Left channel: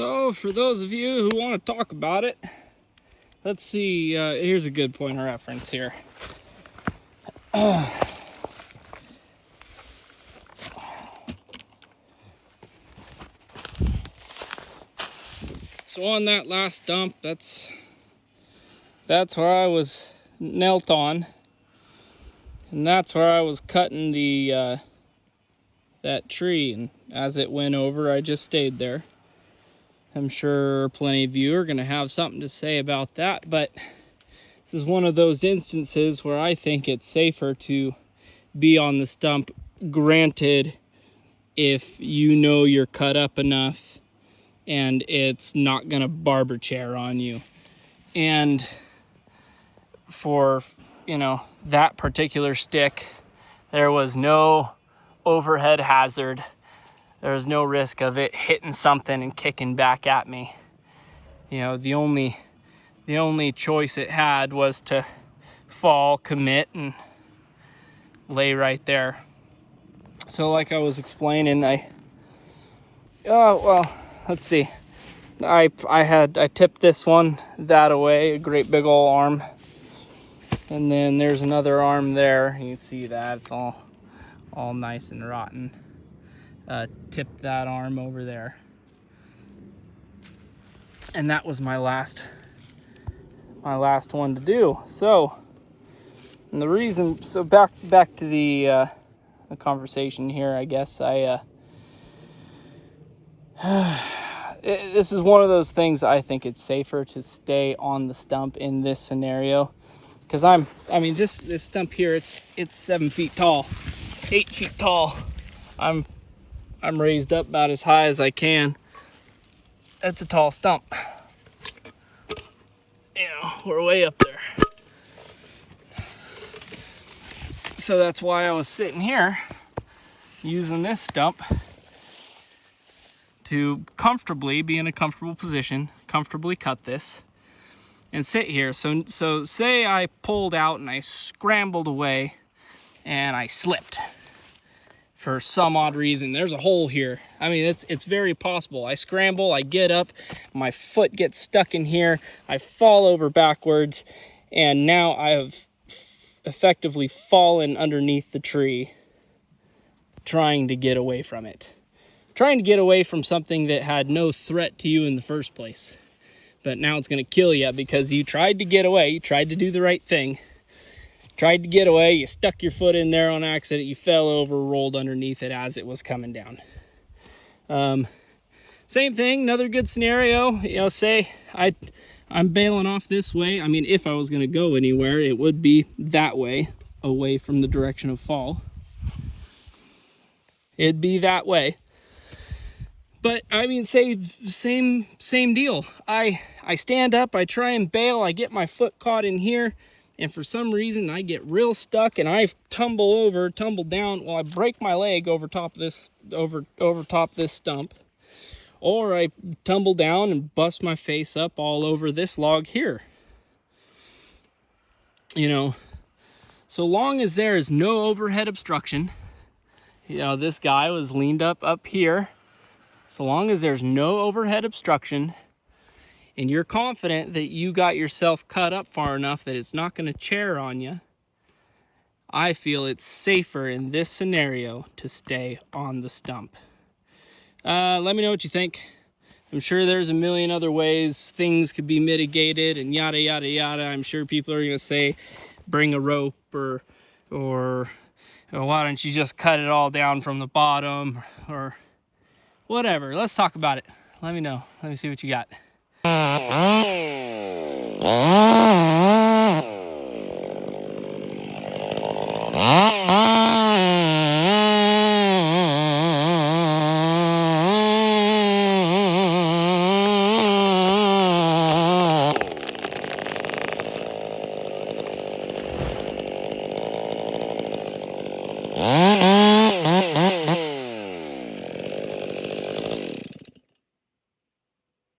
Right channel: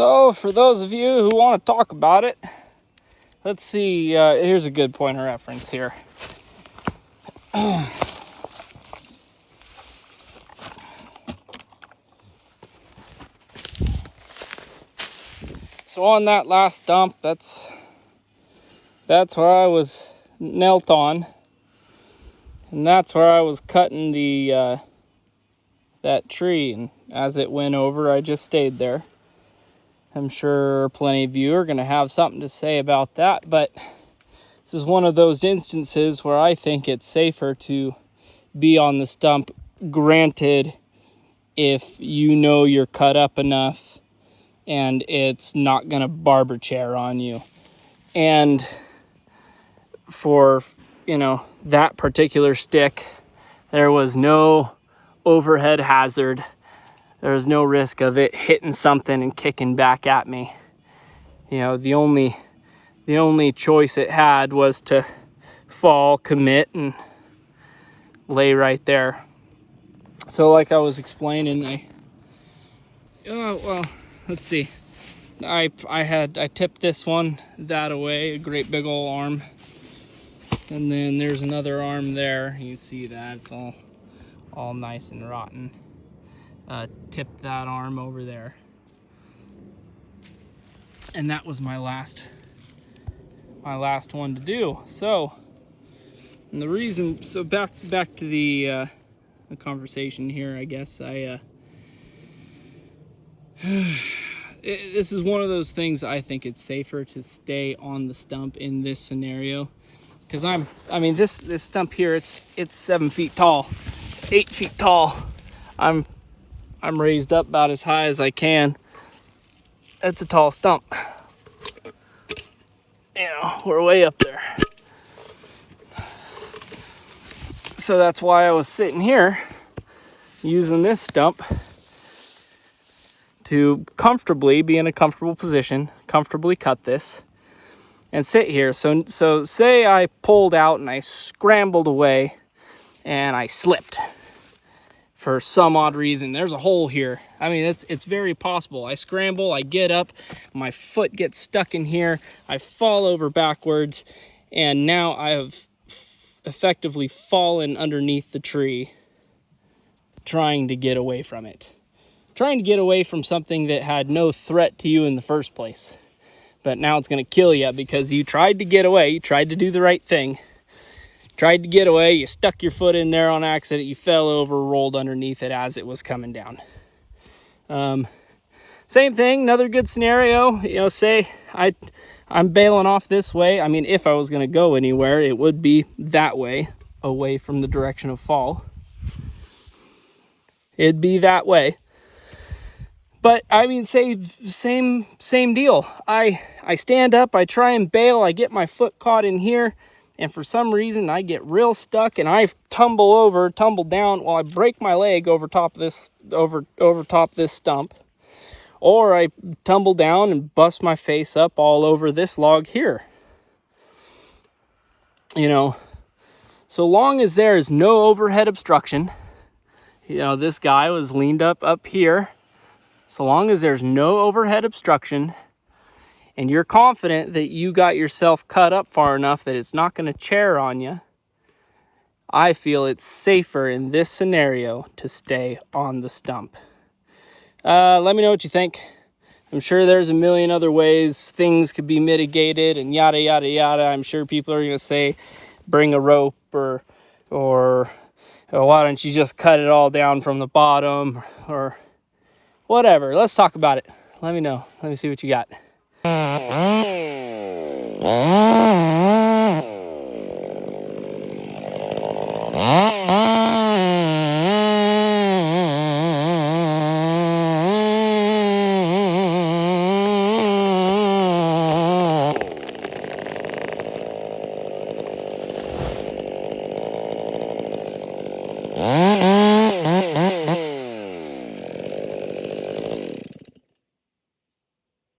So for those of you who want to talk about it, let's see, here's a good point of reference here. So on that last stump, that's where I was knelt on, and that's where I was cutting the that tree, and as it went over, I just stayed there. I'm sure plenty of you are going to have something to say about that, but this is one of those instances where I think it's safer to be on the stump, granted, if you know you're cut up enough and it's not going to barber chair on you. And for, that particular stick, there was no overhead hazard. There was no risk of it hitting something and kicking back at me. The only choice it had was to fall, commit, and lay right there. So like I was explaining, let's see. I tipped this one that away, a great big old arm. And then there's another arm there. You see that, it's all nice and rotten. Tipped that arm over there. And that was my last one to do. So, and the reason, so back to the conversation here, I guess this is one of those things. I think it's safer to stay on the stump in this scenario, because this stump here, it's 7 feet tall, 8 feet tall. I'm raised up about as high as I can. That's a tall stump. We're way up there. So that's why I was sitting here using this stump to comfortably be in a comfortable position, comfortably cut this, and sit here. So say I pulled out and I scrambled away and I slipped for some odd reason. There's a hole here. It's very possible. I scramble, I get up, my foot gets stuck in here, I fall over backwards, and now I have effectively fallen underneath the tree trying to get away from it. Trying to get away from something that had no threat to you in the first place. But now it's going to kill you because you tried to get away, you tried to do the right thing. Tried to get away, you stuck your foot in there on accident, you fell over, rolled underneath it as it was coming down. Same thing, another good scenario, say I'm bailing off this way. If I was going to go anywhere, it would be that way, away from the direction of fall. It'd be that way. But say same deal. I stand up, I try and bail, I get my foot caught in here, and for some reason I get real stuck and I tumble down. Well, I break my leg over top this stump, or I tumble down and bust my face up all over this log here. So long as there is no overhead obstruction, this guy was leaned up here. So long as there's no overhead obstruction and you're confident that you got yourself cut up far enough that it's not going to chair on you, I feel it's safer in this scenario to stay on the stump. Let me know what you think. I'm sure there's a million other ways things could be mitigated and yada, yada, yada. I'm sure people are going to say, bring a rope or why don't you just cut it all down from the bottom or whatever. Let's talk about it. Let me know. Let me see what you got.